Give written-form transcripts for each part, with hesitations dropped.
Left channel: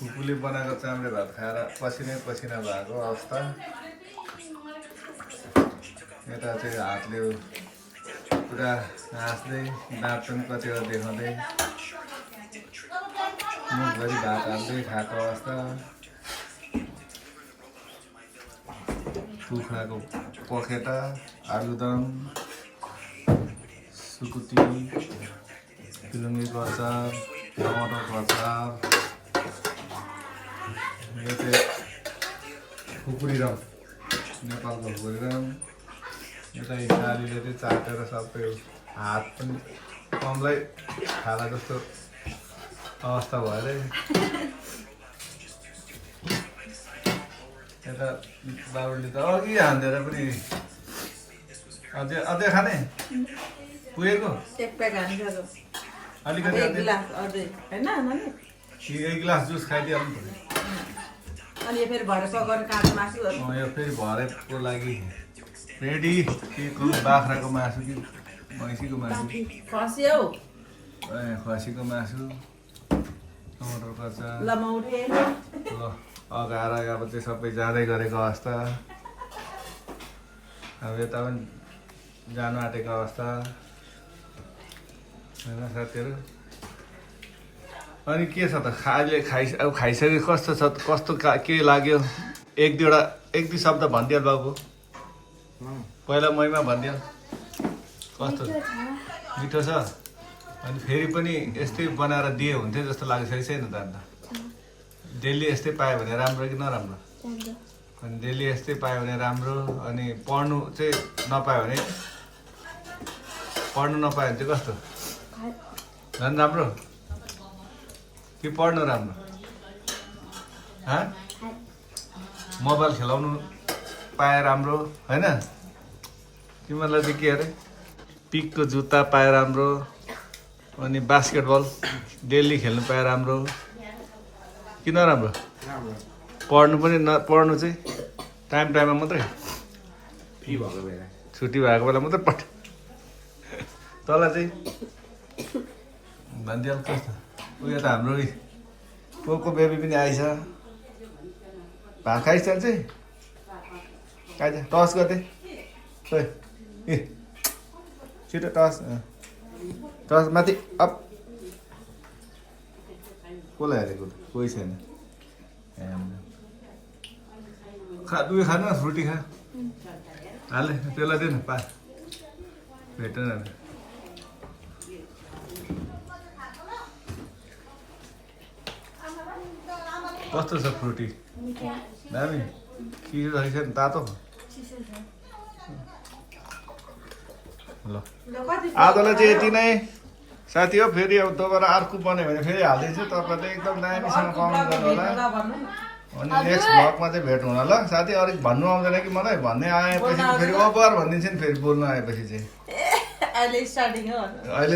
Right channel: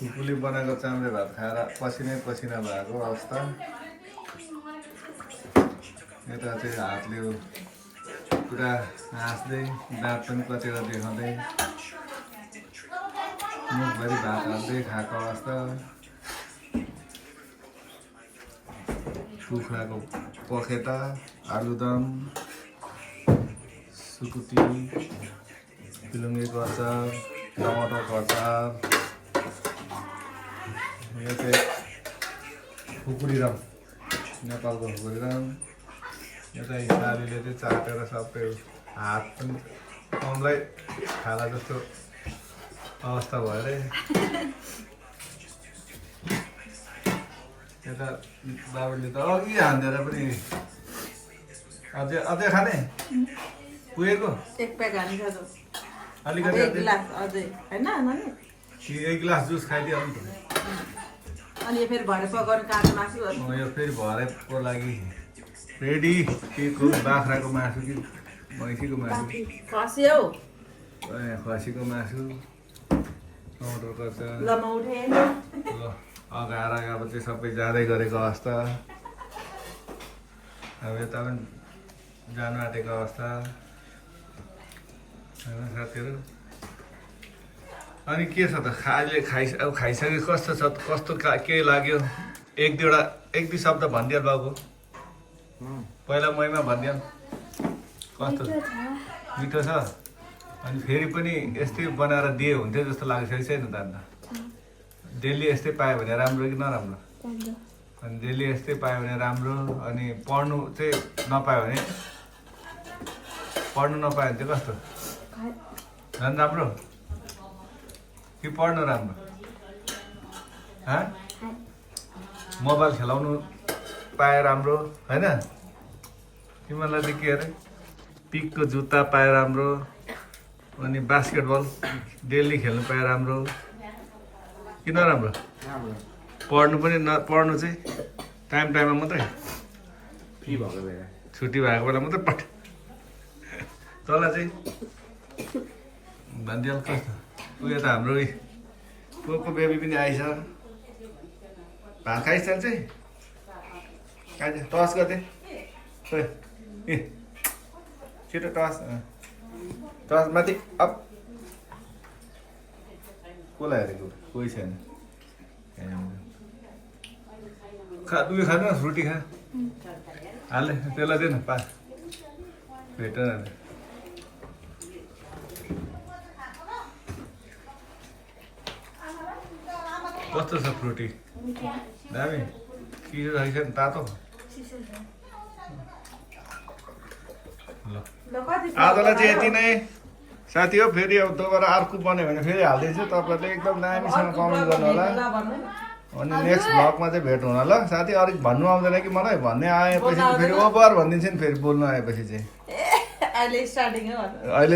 फुपूले बनाएको चाम्रे भात खाएर पसिनै पसिना भएको अवस्था। यता चाहिँ हातले पुरा हाँस्दै दाँत पनि कचेर देखाउँदै मुखभरि भात हाल्दै खाएको अवस्था। कुखुराको पखेटा, आलुदम, सुकुटी, फिलुङ्गेको अचार, टमाटरको अचार। यो चाहिँ खुकुरी रम, नेपालको खुकुरी रम। यता हिसारीले चाहिँ चाटेर सबै हात पनि कमलाई खाला जस्तो अवस्था भयो अरे। यता बाबुले त अघि हान्देर पनि अझै खाने पुगेको एक प्याक हान्छ अलिकति एक गिलास अझै हैन नानी एक गिलास जुस खाइदिइहाल्नु पर्यो। अनि यो फेरि भरे पकाउनु काँचो मासु यो फेरि भरेको लागि रेडी। के को बाख्राको मासु कि भैँसीको मासु? खसी हौ खसीको मासु, टमाटरको अचार। ल म उठेँ अगाएर अब चाहिँ सबै जाँदै गरेको अवस्था। अब यता पनि जानु आँटेको अवस्था होइन साथीहरू। अनि के छ त अहिले अब खाइसके कस्तो छ कस्तो के लाग्यो? एक दुई शब्द भनिदियो बाबु। पहिला मैमा भनिदियो कस्तो मिठो छ। अनि फेरि पनि यस्तै बनाएर दिए हुन्थ्यो जस्तो लाग्छ कि छैन त? अन्त डेली यस्तै पायो भने राम्रो कि नराम्रो? अनि डेली यस्तै पायो भने राम्रो। अनि पढ्नु चाहिँ नपायो भने चाहिँ कस्तो? झन् राम्रो कि पढ्नु राम्रो? मोबाइल खेलाउनु पाए राम्रो होइन? तिमीहरूलाई चाहिँ के अरे पिकको जुत्ता पाए राम्रो। अनि बास्केटबल डेली खेल्नु पाए राम्रो कि नराम्रो? पढ्नु पनि पढ्नु चाहिँ टाइममा मात्रै, फ्री भएको बेला, छुट्टी भएको बेला मात्रै पढ। तँलाई चाहिँ भनिदिहाल कस्तो? उयो त हाम्रो को बेबी पनि आइछ। भात खाइस् चाहिँ आइज टस गर्दै खोइ ए छिटो टस माथि अप। कसलाई हेरेको? कोही छैन। उयो खानु न, फ्रुटी खा। हाले त्यसलाई दे न पा भेटेन। कस्तो छ फ्रुटी? दामी चिसो छ नि? तातो? ल आजलाई चाहिँ यति नै साथी हो। फेरि अब दोबारा अर्को बन्यो भने फेरि हालिदिन्छु। तपाईँहरूले एकदम दामीसँग कमेन्ट गर्नु होला। अनि नेक्स्ट भ्लगमा चाहिँ भेट हुन ल साथी। अलिक भन्नु आउँदैन कि मलाई? भन्ने आएपछि फेरि ओभर भनिदिन्छ नि। फेरि बोल्नु आएपछि चाहिँ अहिले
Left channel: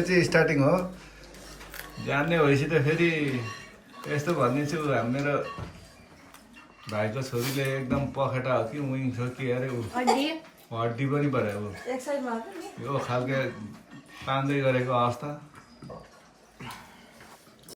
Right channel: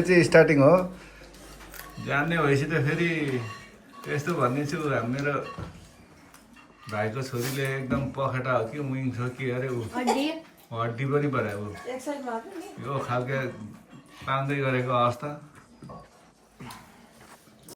चाहिँ स्टार्टिङ हो। जान्ने भएपछि त फेरि यस्तो भनिदिन्छु। मेरो भाइको छोरीले एकदम पखेटा हो कि विङ्स हो कि अरे हड्डी पनि भयो। यो खालको पाउँदै गरेको अवस्था।